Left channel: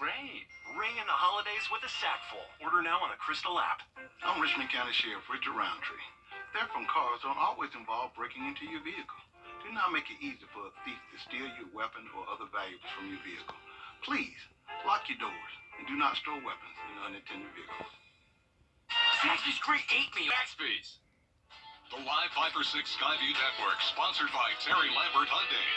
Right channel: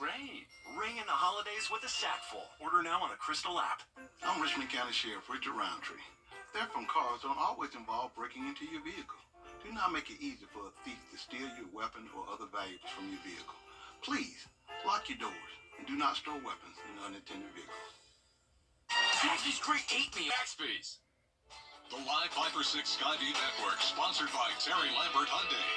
Great. Ring in the holidays with a sackful. Order now on the Crystal app. I'm Richmond County Sheriff Richard Roundtree. Theft from cars don't always involve breaking into your vehicle. Do not make it easy for a thief to steal your weapon or other valuables from your vehicle. Please, lock your doors and do not store weapons in unattended vehicles. Zaxby's Great ate me. Zaxby's. The Live 5 for 6 Skyview Network, sponsored by Terry Lambert Hyundai.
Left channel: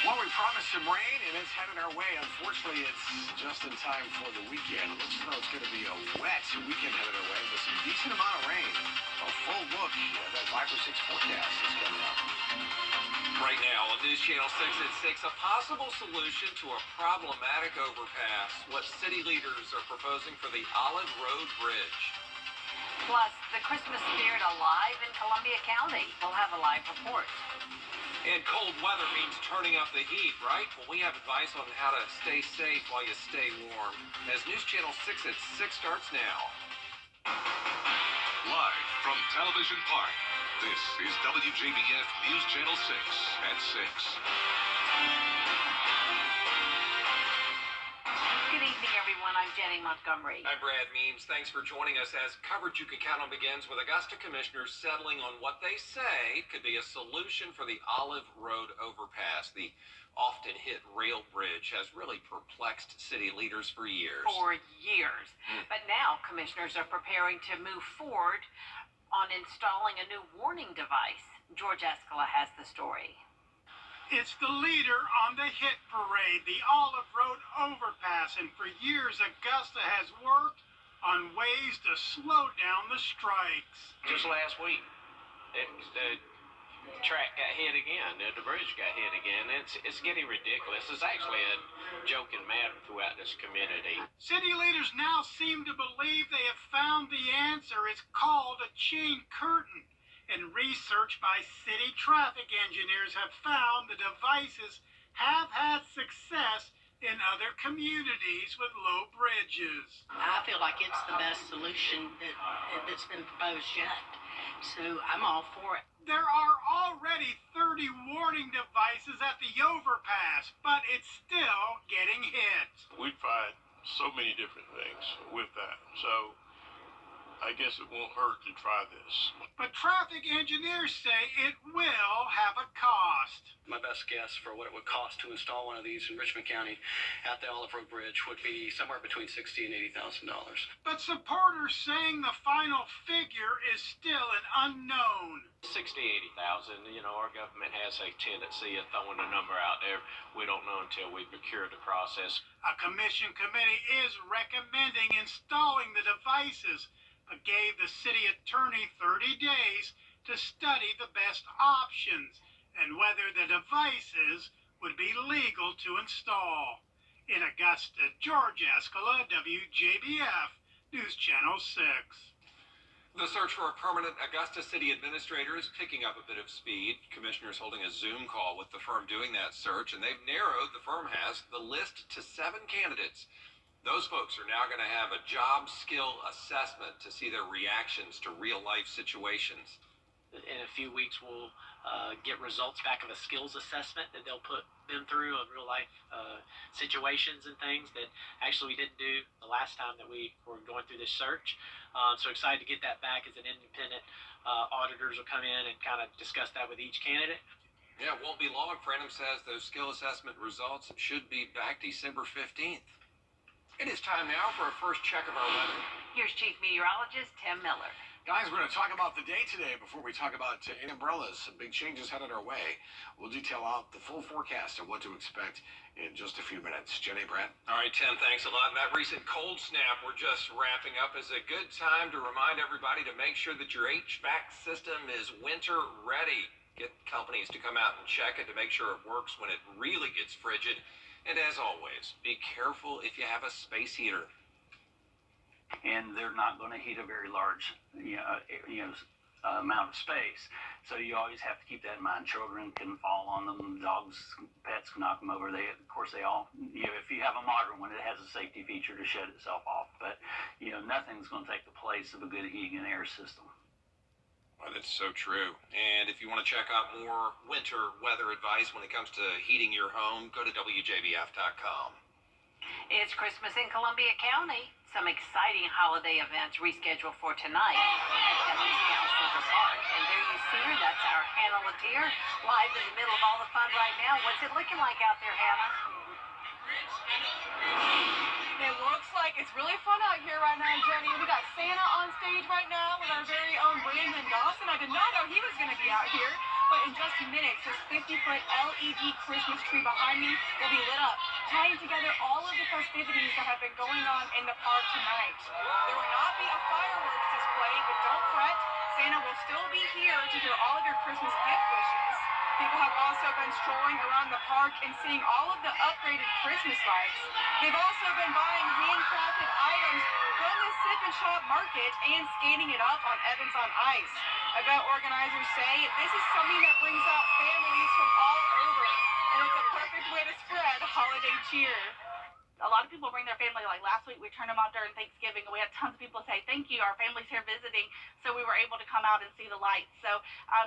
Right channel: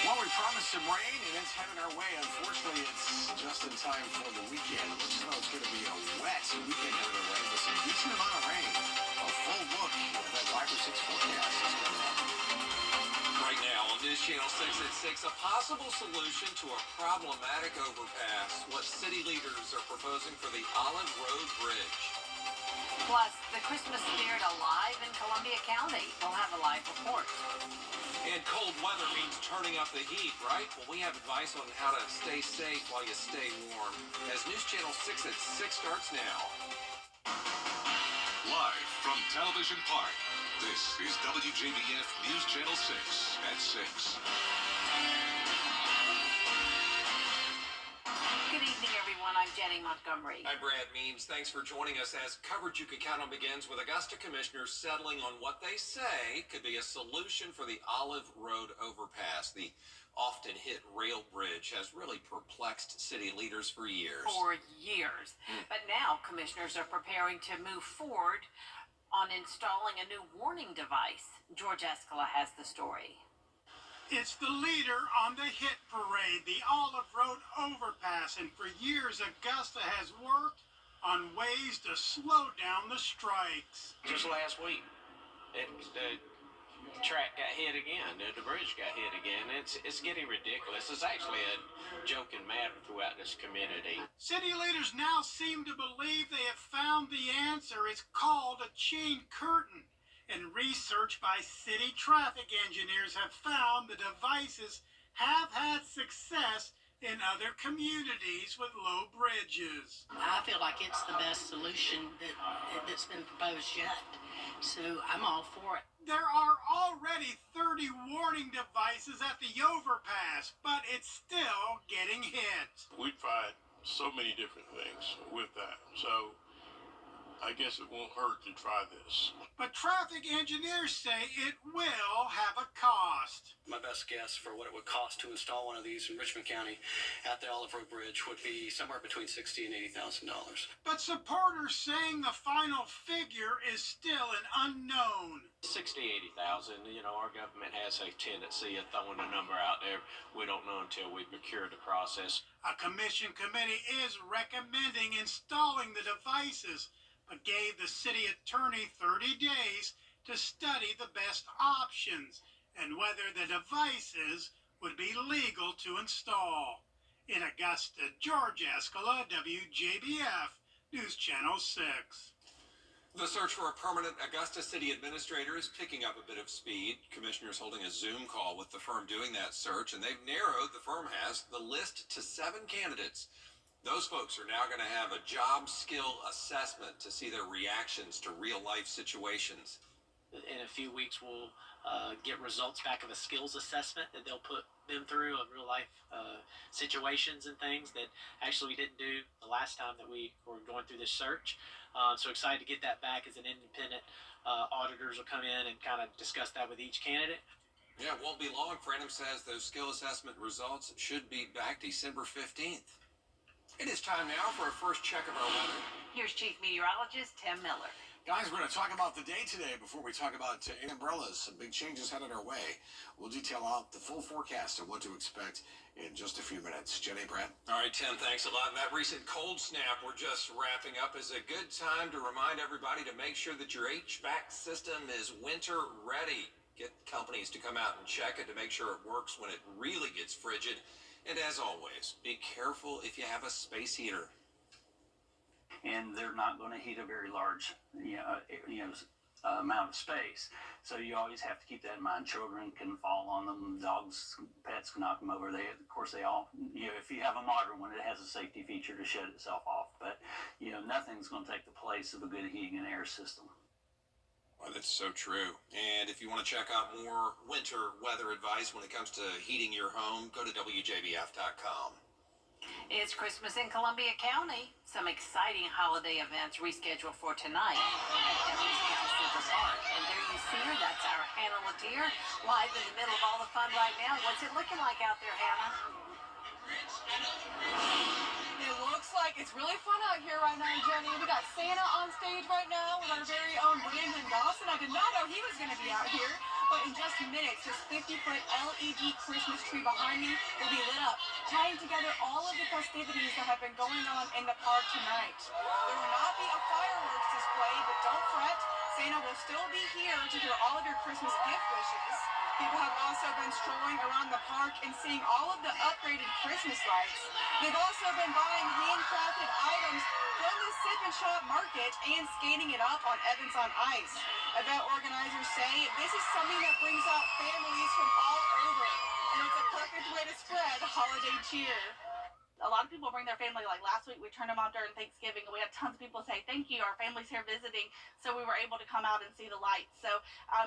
Well, we promised some rain, and it's headed our way. Unfortunately, it's just in time for the weekend. It looks as though it's going to be a wet weekend headed our way, with some decent amount of rain. A full look at that 5 or 6 forecast is coming up. Right now on News Channel 6 at 6, a possible solution to a problematic overpass. What city leaders are proposing for the Olive Road Bridge. Plus, the Christmas spirit alive in Columbia County. We'll have a live report. And cold weather means turning up the heat, right? Well, we have advice on how to stay safe while you stay warm. As News Channel 6 at 6 starts now. Live from Television Park, this is WJBF News Channel 6 at 6. Good evening, everyone. I'm Jenny Montgomery. Hi, Brad Means. Thanks for joining us as coverage you can count on begins with Augusta commissioners settling on what they say could be a solution for the Olive Road overpass. The often hit rail bridge has really perplexed city leaders for years. But now commissioners are preparing to move forward on installing a new warning device. George Escala has the story. It's the leader on the hit parade, the Olive Road overpass, and for years Augusta has worked on ways to slow down the strikes. Just last week, the track got hit again, the bridge got hit again. It's getting ridiculous. It's actually a joking matter throughout this community. City leaders now seem to believe they have found the answer. It's called a chain curtain. And research by city traffic engineers have found the devices have had success in other communities with low bridges. I feel like it's the best solution that's been proposed yet. So I'm all for it. There are already 30 warning devices at the overpass, but it's still getting hit. We've tried so many different things with that. So I guess it won't hurt to try this. But traffic engineers say it will have a cost. My best guess for what it would cost to install one of these in Richmond County at the Olive Road Bridge would be somewhere between $60,000 and $80,000. But supporters saying the final figure is still an unknown. 60, 80,000. You know, our government has a tendency of throwing a number out there. We don't know until we procure the process. A commission committee is recommending installing the devices, but gave the city attorney 30 days to study the best options and whether the devices would be legal to install. In Augusta, George Escala, WJBF, News Channel 6. The search for a permanent Augusta city administrator is picking up a bit of speed. Commissioners holding a Zoom call with the firm doing that search, and they've narrowed, the firm has, the list to 7 candidates. Those folks are now going to have a job skill assessment to see their reactions to real-life situations. In a few weeks, we'll get results back of a skills assessment that they'll put them through of real-life situations and things that actually we didn't do the last time that we were going through this search. So excited to get that back as an independent auditors will come in and kind of discuss that with each candidate. Yeah, it won't be long. Franham says those skill assessment results should be back December 15th. It is time now for a first check of our weather. Here's Chief Meteorologist Tim Miller. Guys, we're going to talk about the day today before we talk about umbrellas. Some big changes headed our way. We'll detail out the full forecast of what to expect in just a few minutes. Jenny, Brad. All right, Tim, thanks a lot. And that recent cold snap we're just wrapping up is a good time to remind everybody to make sure that your HVAC system is winter ready. Get companies to come out and check it to make sure it works when it really gets frigid. And as always, be careful if you have a space heater. And they're not going to heat a very large, amount of space. So you always have to keep that in mind. Children can fall on them. Dogs, pets can knock them over. They all, if you have a modern one, it has a safety feature to shut itself off. But, nothing's going to take the place of a good heating and air system. Well, that's so true. And if you want to check out more winter weather advice when it comes to heating your home, go to WJBF.com. It's Christmas in Columbia County. Some exciting holiday events rescheduled for tonight at Evans Central Park. And there you see her. That's our Hannah Latier, live in the middle of all the fun right now. What's it looking like out there, Hannah? It looks like it's really fun out here right now, Jenny. We got Santa on stage right now with our very own Brandon Dawson. I did not know he was going to be out here, but in just minutes, this 50-foot LED Christmas tree behind me will be lit up, tying together all of the festivities that have been going on in the park tonight. There will not be a fireworks display, but don't fret. Santa will still be here to hear all of your Christmas gift wishes. People have also been strolling around the park and seeing all of the upgraded Christmas lights. They've also been buying handcrafted items from the Sip and Shop market and skating it up on Evans on Ice. Event organizers say this is something that brings out families from all over, and it's a perfect way to spread holiday cheer. A lot of people bring their family. Like last week, we turned them on during Thanksgiving, and we had tons of people say, thank you, our family's here visiting, so we were able to come out and see the lights. So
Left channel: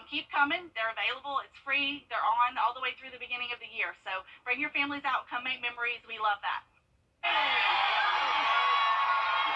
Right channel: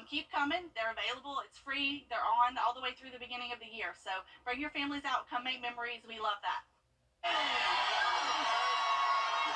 keep coming. They're available. It's free. They're on all the way through the beginning of the year. So bring your families out. Come make memories. We love that.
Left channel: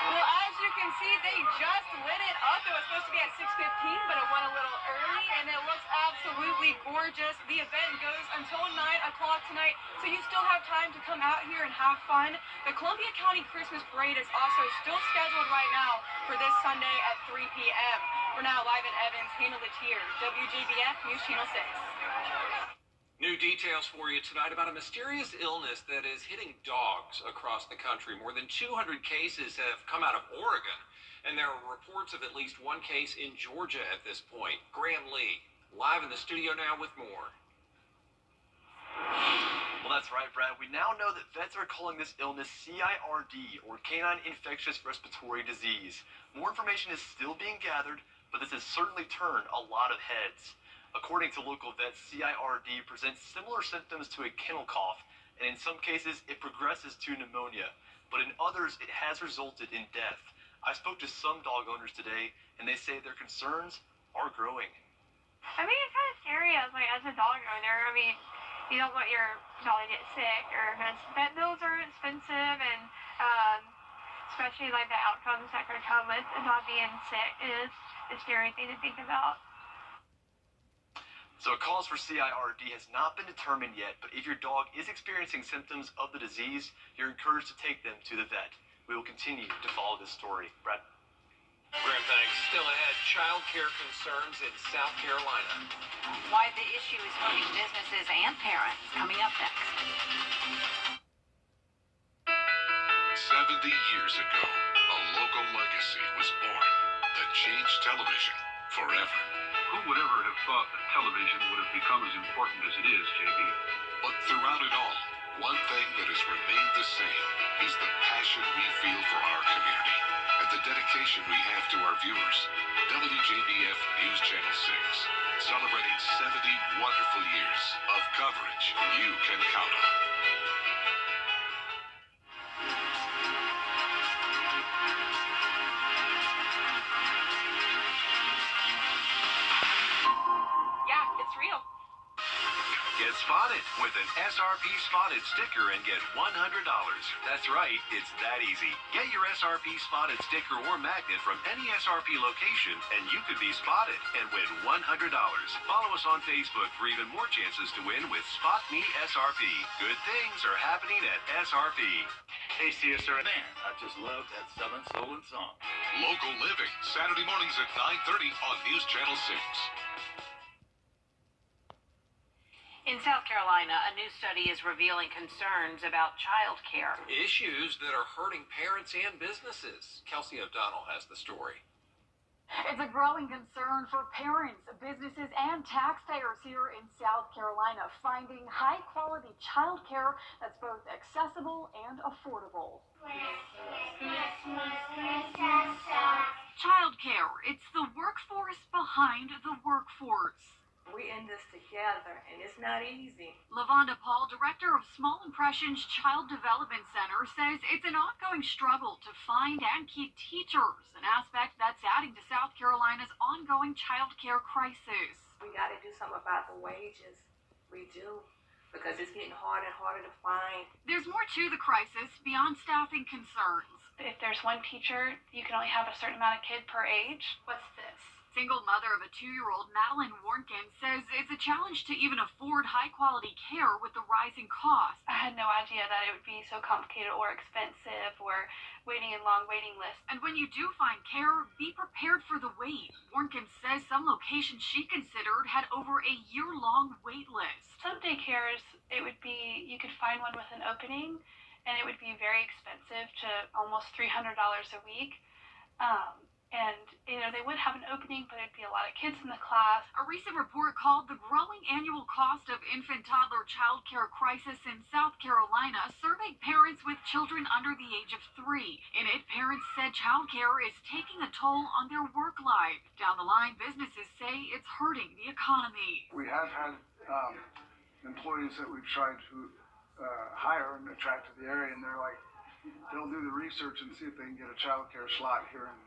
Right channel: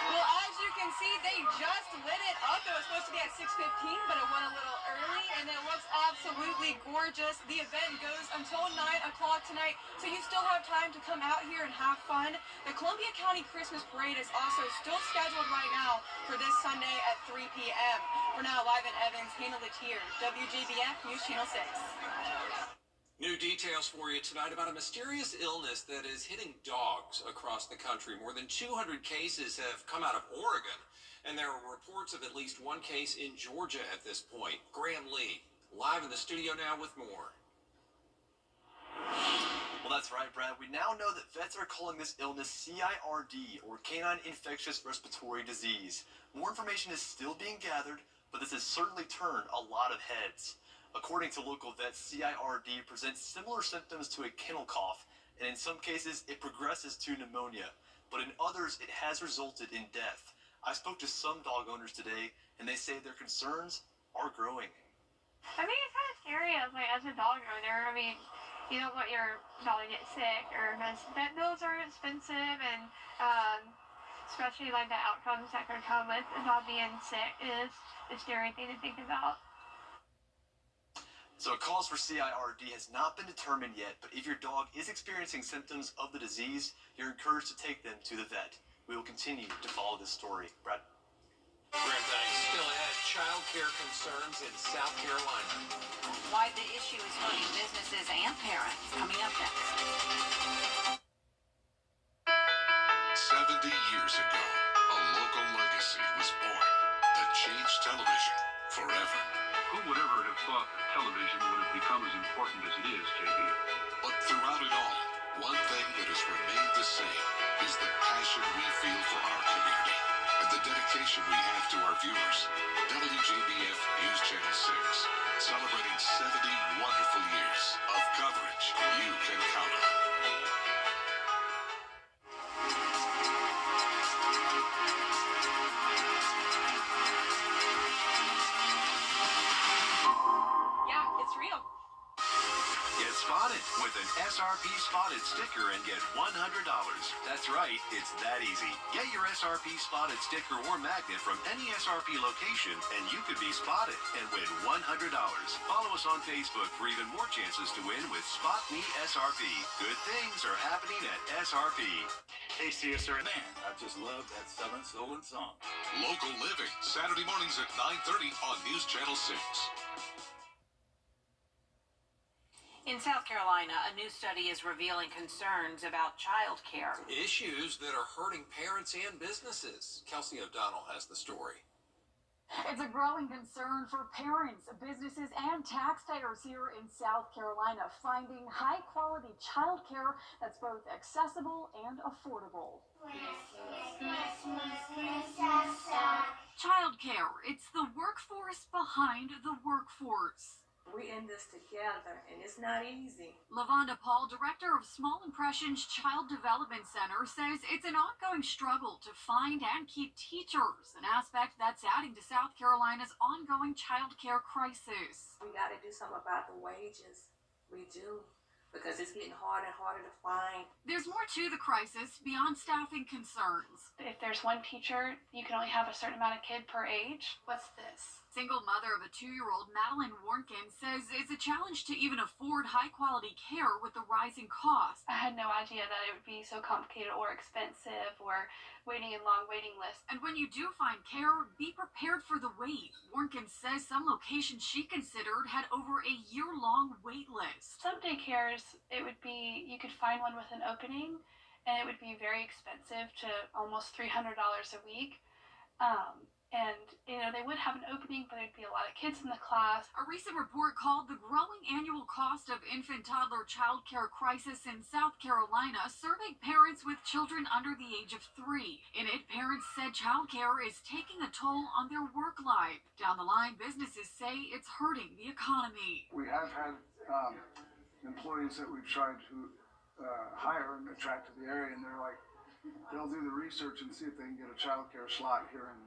Well, as you can see, they just lit it up. It was supposed to be at 6:15, but it went a little early, and it looks absolutely gorgeous. The event goes until 9 o'clock tonight, so you still have time to come out here and have fun. The Columbia County Christmas Parade is also still scheduled right now for this Sunday at 3 p.m. For now, live in Evans, Hannah Latier, WJBF News Channel 6. New details for you tonight about a mysterious illness that is hitting dogs across the country. More than 200 cases have come out of Oregon, and there are reports of at least one case in Georgia at this point. Graham Lee, live in the studio now with more. Well, that's right, Brad. We now know that vets are calling this illness CIRD, or canine infectious respiratory disease. More information is still being gathered, but this has certainly turned a lot of heads. According to local vets, CIRD presents similar symptoms to a kennel cough, and in some cases, it progresses to pneumonia. But in others, it has resulted in death. I spoke to some dog owners today, and they say their concerns are growing. I mean, it's kind of scary as a dog owner. I mean, you don't want your dog to get sick, or because vet bills are expensive, and especially like the outcomes that could come with a dog being sick is a scary thing to think about. So a cause for CIRD has not been determined yet, but if your dog is experiencing symptoms of the disease, you're encouraged to take them to the vet. We will continue to follow this story. Brad? Graham, thanks. Still ahead, child care concerns in South Carolina. Why the issue is hurting businesses and parents. Coming up next. 70 years ago, a local legacy was born that changed television forever. Who would ever have thought that television would have become as important as it is, JB? But throughout it all, one thing that has remained the same is the passion we feel for our community and the dedication we have to our viewers. WJBF News Channel 6, celebrating 70 wonderful years of coverage you can count on. Get spotted with an SRP Spotted sticker and get $100. That's right, it's that easy. Get your SRP Spotted sticker or magnet from any SRP location and you could be spotted and win $100. Follow us on Facebook for even more chances to win with Spot Me SRP. Good things are happening at SRP. Hey, CSR, man, I just love that Southern Soul and Song. Local Living, Saturday mornings at 9:30 on News Channel 6. In South Carolina, a new study is revealing concerns about child care. Issues that are hurting parents and businesses. Kelsey O'Donnell has the story. It's a growing concern for parents, businesses, and taxpayers here in South Carolina, finding high-quality child care that's both accessible and affordable. Child care, it's the workforce behind the workforce. We in this together, and it's not easy. LaVonda Paul, director of Small Impressions Child Development Center, says it's an ongoing struggle to find and keep teachers, an aspect that's adding to South Carolina's ongoing child care crisis. We got to do something about the wages. We do. Because it's getting harder and harder to find. There's more to the crisis beyond staffing concerns. If there's one teacher, you can only have a certain amount of kid per age. What's this? Single mother of a 2-year-old, Madeline Warnkin, says it's a challenge to even afford high-quality care with the rising costs. I had no idea that it would be so complicated or expensive or waiting in long waiting lists. And when you do find care, be prepared for the wait. Warnkin says some locations she considered had over a year-long wait list. Some daycares, it would be, you could find one with an opening, and it would be very expensive to almost $300 a week. And, they would have an opening, but it'd be a lot of kids in the class. A recent report called The Growing Annual Cost of Infant-Toddler Child Care Crisis in South Carolina surveyed parents with children under the age of 3. In it, parents said child care is taking a toll on their work life. Down the line, businesses say it's hurting the economy. We have had employees that we've tried to hire and attract to the area, and they're like, they'll do the research and see if they can get a child care slot here in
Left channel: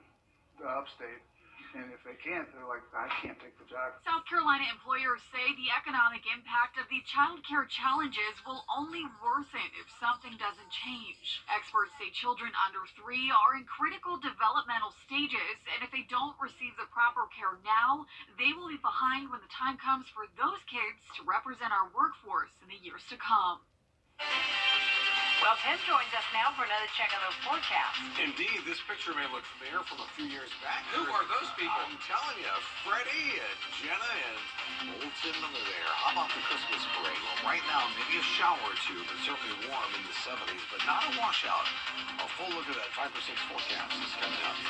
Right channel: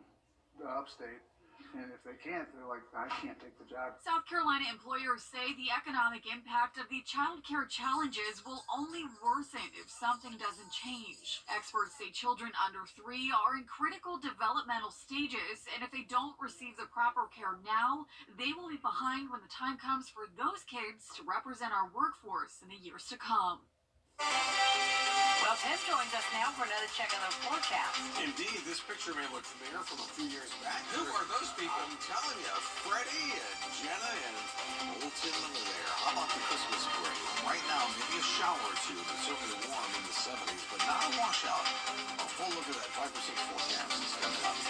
upstate, and if they can't, they're like, I can't take the job. South Carolina employers say the economic impact of the child care challenges will only worsen if something doesn't change. Experts say children under 3 are in critical developmental stages, and if they don't receive the proper care now, they will be behind when the time comes for those kids to represent our workforce in the years to come. Well, Tim joins us now for another check on the forecast. Indeed, this picture may look familiar from a few years back. Who are those people? I'm telling you, Freddie and Jenna and old Tim Miller there. How about the Christmas break? Well, right now, maybe a shower or two, but certainly warm in the 70s, but not a washout. A full look at that 5 or 6 forecast is coming up.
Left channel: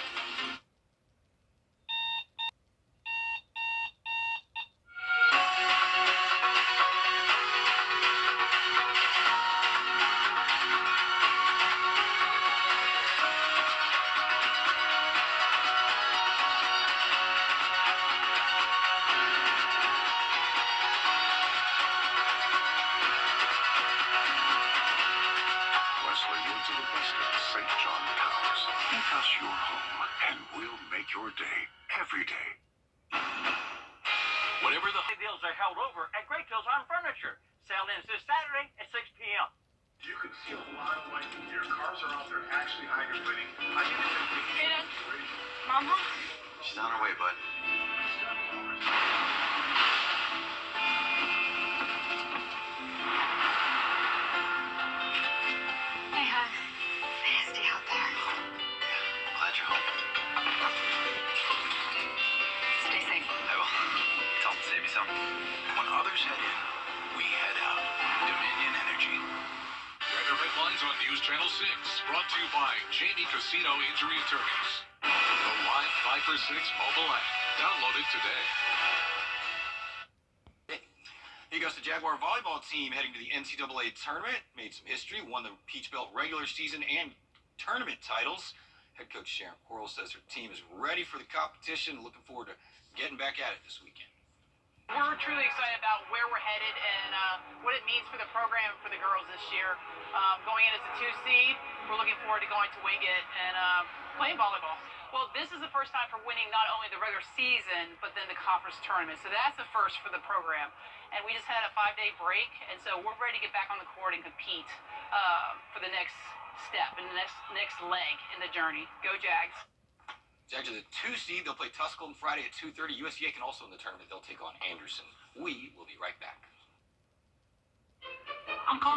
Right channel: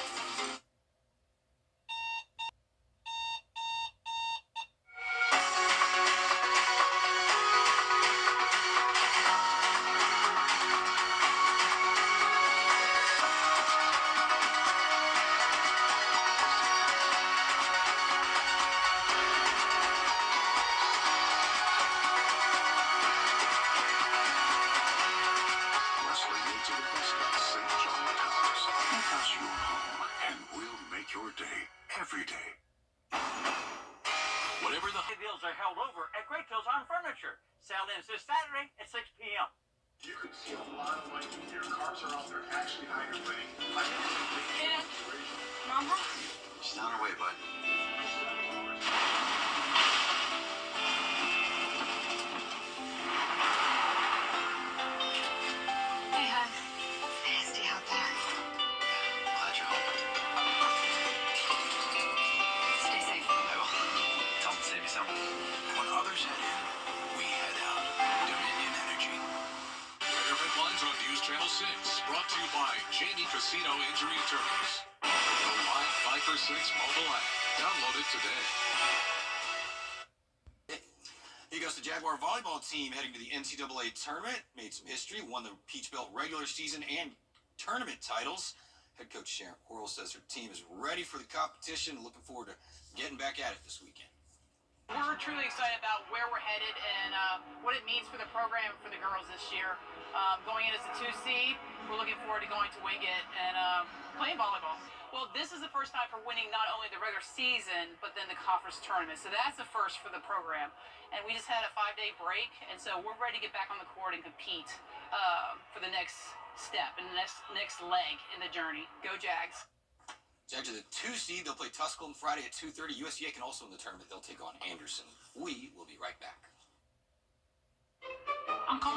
Your day, every day. Whatever the deals are held over at Great Deals on Furniture. Sale ends this Saturday at 6 p.m. You can see a lot of life in here. Cars are out there actually hydroplaning. I think it's a big situation. Mama? She's on her way, bud. Hey, hon. It's nasty out there. Glad you're home. Stay safe. I will. Tell them to save you some. When others head in, we head out. Dominion Energy. Red Headlines on News Channel 6, brought to you by Jamie Casino Injury Attorneys. The live 5 for 6 mobile app. Download it today. Here goes the Jaguar volleyball team heading to the NCAA tournament. Made some history, won the Peach Belt regular season and tournament titles. Head coach Sharon Quarles says her team is ready for the competition. Looking forward to getting back at it this weekend. We're truly excited about where we're headed and what it means for the program for the girls this year. Going in as a 2 seed, we're looking forward to going to Wingate and playing volleyball. Well, this is the first time for winning not only the regular season, but then the conference tournament. So that's the first for the program. And we just had a 5-day break, and so we're ready to get back on the court and compete for the next step and the next leg in the journey. Go Jags. Jags are the 2 seed. They'll play Tusculum Friday at 2:30. USC can also in the tournament. They'll take on Anderson. We will be right back. I'm calling